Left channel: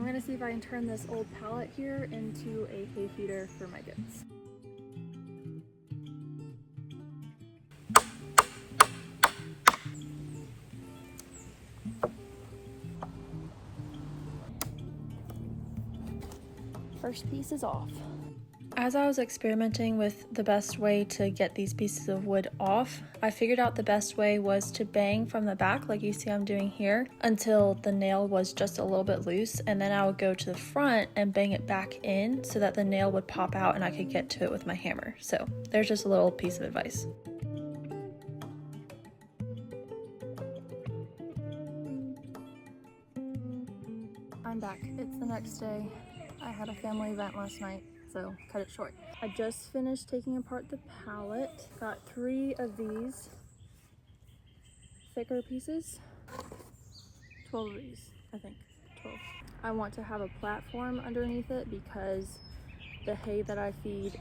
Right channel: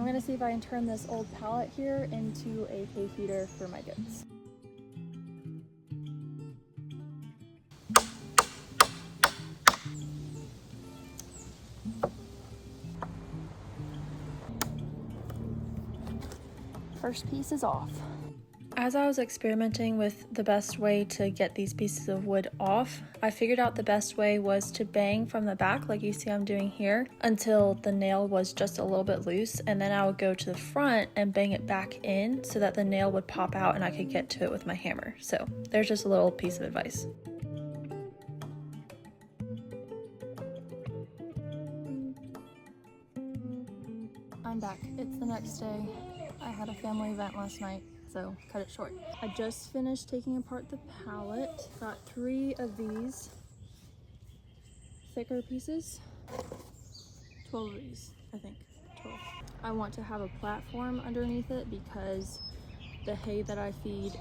I'm gonna see if I can turn this old pallet here into a hay feeder for my goats. First piece is off. As I was experimenting with the best way to get these pieces of wood off, I figured out the best way was to bang from the back, like you see I'm doing here, until the nail was just a little bit loose, and then I would go to the front and bang it back in so that the nail would pop out and I could get to it with my hammer. So there's just a little piece of advice. I'm back. It's the next day. I had a family event last night, so cut it short. I just finished taking apart the pallet. Got 3 of these thicker pieces. 12 of these, I think. 12. I want to have a platform underneath it because the hay that I feed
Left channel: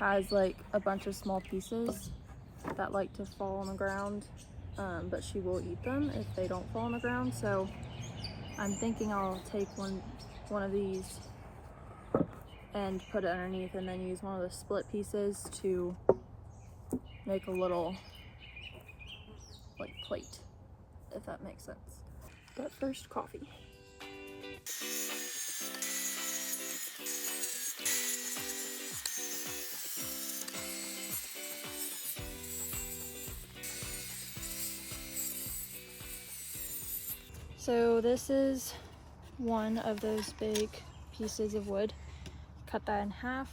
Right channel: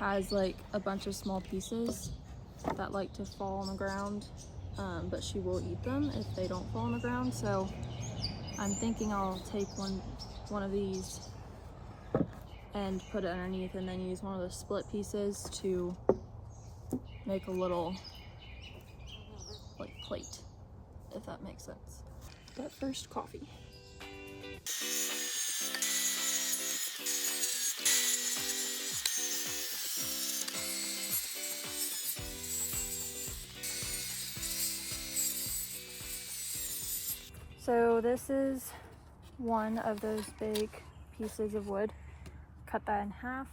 has like a bunch of small pieces that like to fall on the ground, but she will eat them if they don't fall on the ground. So I'm thinking I'll take one of these and put it underneath, and then use one of the split pieces to make a little like plate, if that makes sense. But first, coffee. So this is one of those big pieces of wood. Cut that in half,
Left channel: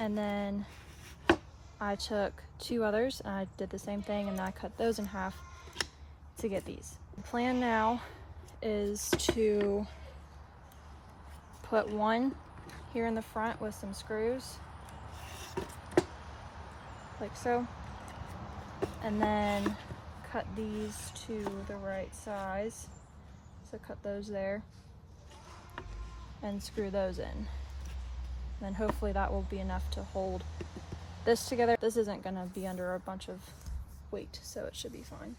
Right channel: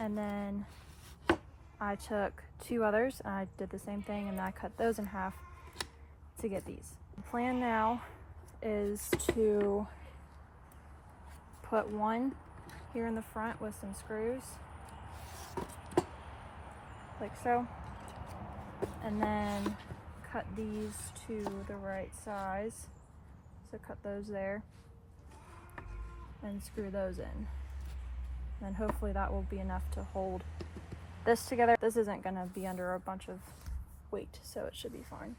and then I took 2 others and I did the same thing, and then I cut those in half to get these. The plan now is to put one here in the front with some screws, like so, and then cut these to the right size, so cut those there and screw those in. Then hopefully that will be enough to hold this together. This isn't gonna be under a bunch of weight, so it should be fine.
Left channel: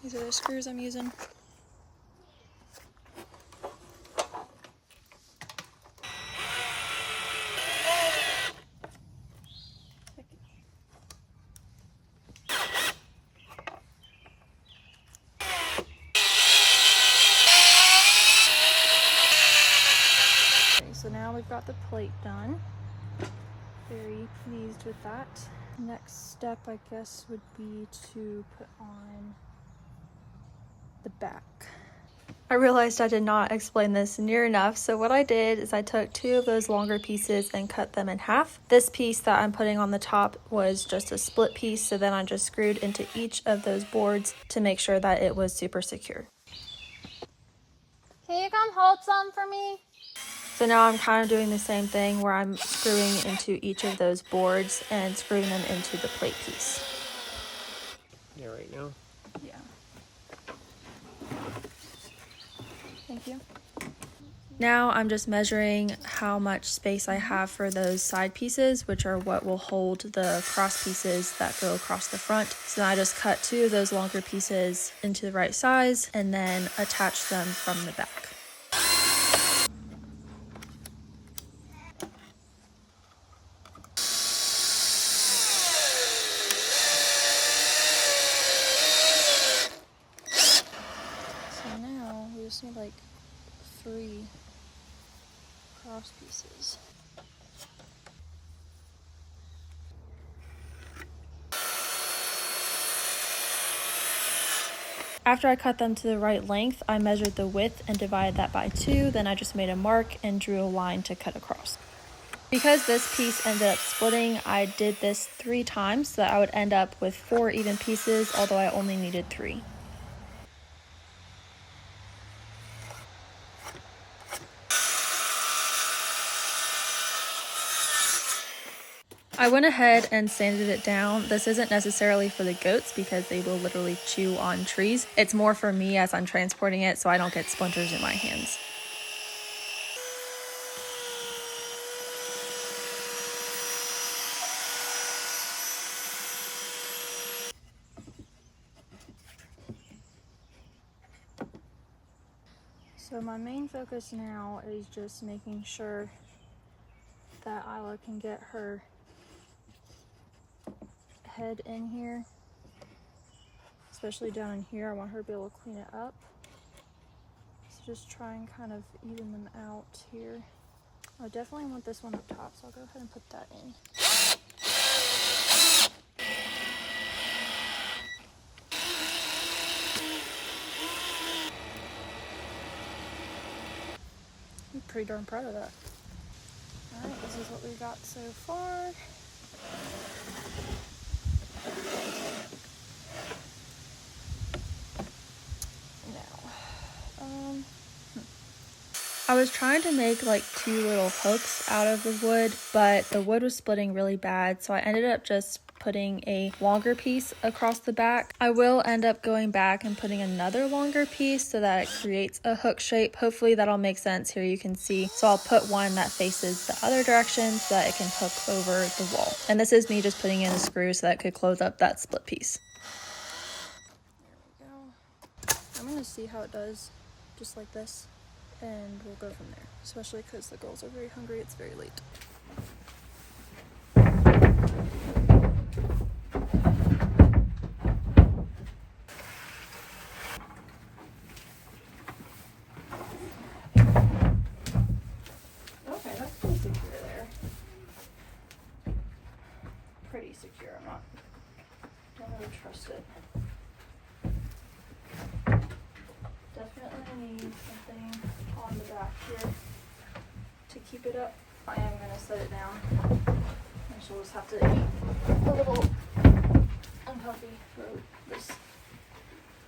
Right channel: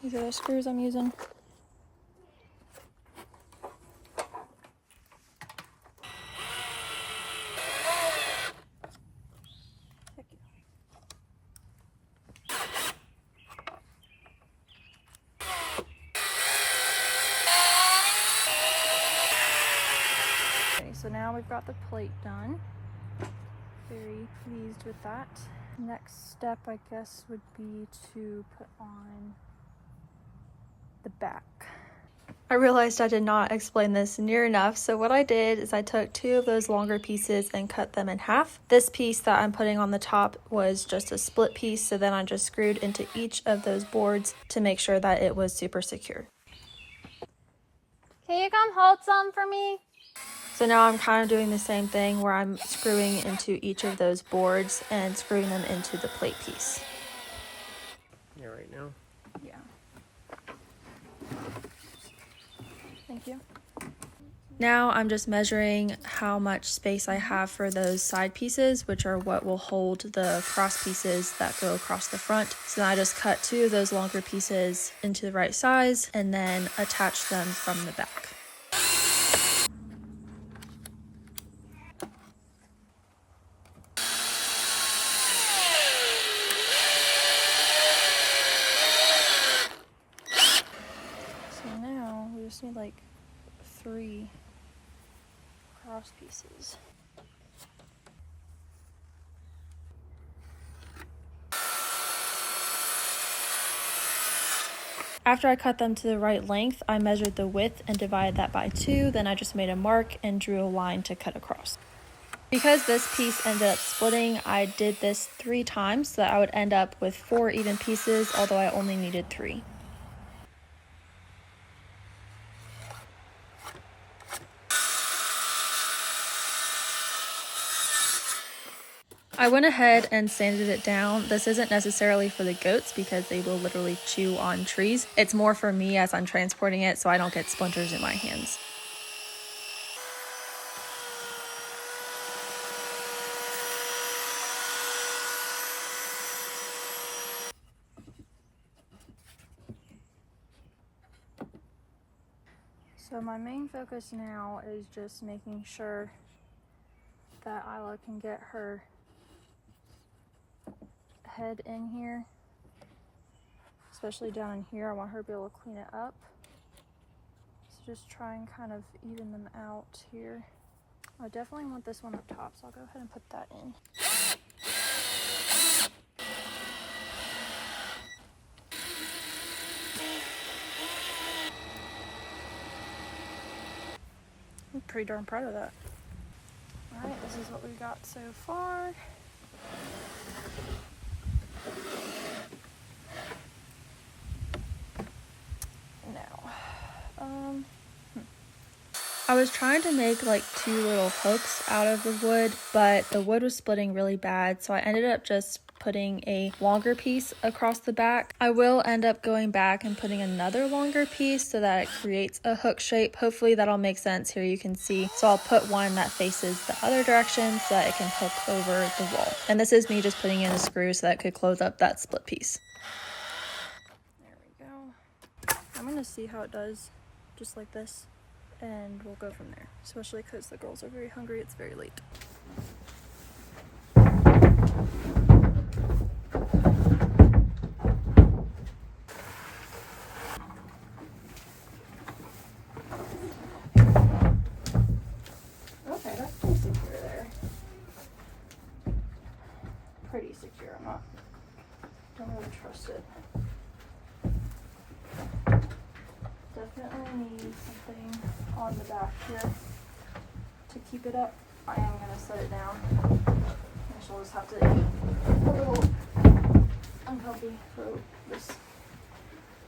These are the screws I'm using. So now we've got the plate done. Very pleased with that. Next step, I guess, would be to put on the back. I realized I did not explain this near enough, so what I did is I took 2 of those longer pieces and cut them in half. This piece that I'm putting on the top was just a split piece, so then I just screwed into each of those boards to make sure that it was super secure. Can you come hold some for me? So now I'm kind of doing the same thing where I'm screwing into each of those boards and screwing them into the plate piece. Yeah, right now? Yeah. Thank you. Now I'm just measuring how much space I have for those side pieces, which are what will hold the cross pieces that go across the front. So I just cut 2 of those longer pieces into the right size and then attach them from the back. Just need like 3 cross pieces. After I cut them to the right length, I measured the width and divided that by 2. Then I just made a mark and drew a line to cut across. Because this piece ended up splitting, I did this 3 times so that I would end up with 4 even pieces, although I only needed 3. I went ahead and sanded it down. This isn't necessarily for the goats because they will literally chew on trees. It's more for me as I'm transporting it so I don't get splinters in my hands. So my main focus now is just making sure that Isla can get her head in here, especially down in here. I want her to be able to clean it up. So just try and kind of even them out here. I definitely want this one up top, so I'll go ahead and put that in. I'm pretty darn proud of that. Alright, this is what we got so far. I was trying to make like 2 little hooks out of the wood, but the wood was splitting really bad, so I ended up just putting a longer piece across the back. I will end up going back and putting another longer piece so that it creates a hook shape. Hopefully that'll make sense. Here you can see. So I'll put one that faces the other direction so that it can hook over the wall. And this is me just putting in a screw so that it could close up that split piece. There we go. I'm gonna see how it does just like this, and we'll go from there, especially because the girls are very hungry. It's very late. Okay, that's pretty secure there. Pretty secure. Don't really trust it. Definitely need something on the back here to keep it up. I am going to set it down. I shall just have to eat a little uncomfy for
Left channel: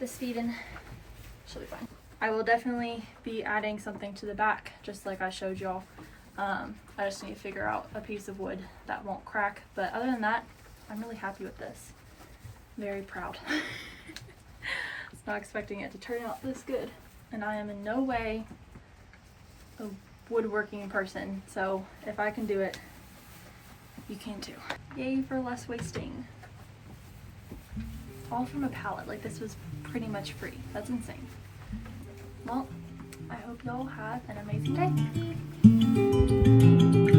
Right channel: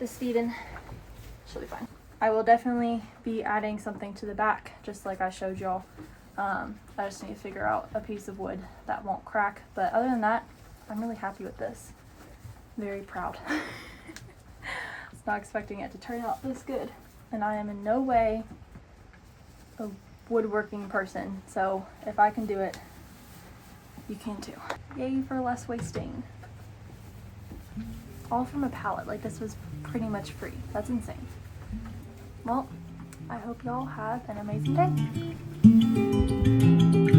this feeding. She'll be fine. I will definitely be adding something to the back, just like I showed y'all. I just need to figure out a piece of wood that won't crack. But other than that, I'm really happy with this. Very proud. Not expecting it to turn out this good, and I am in no way a woodworking person, so if I can do it, you can too. Yay for less wasting. All from a pallet. Like, this was pretty much free. That's insane. Well, I hope y'all have an amazing day.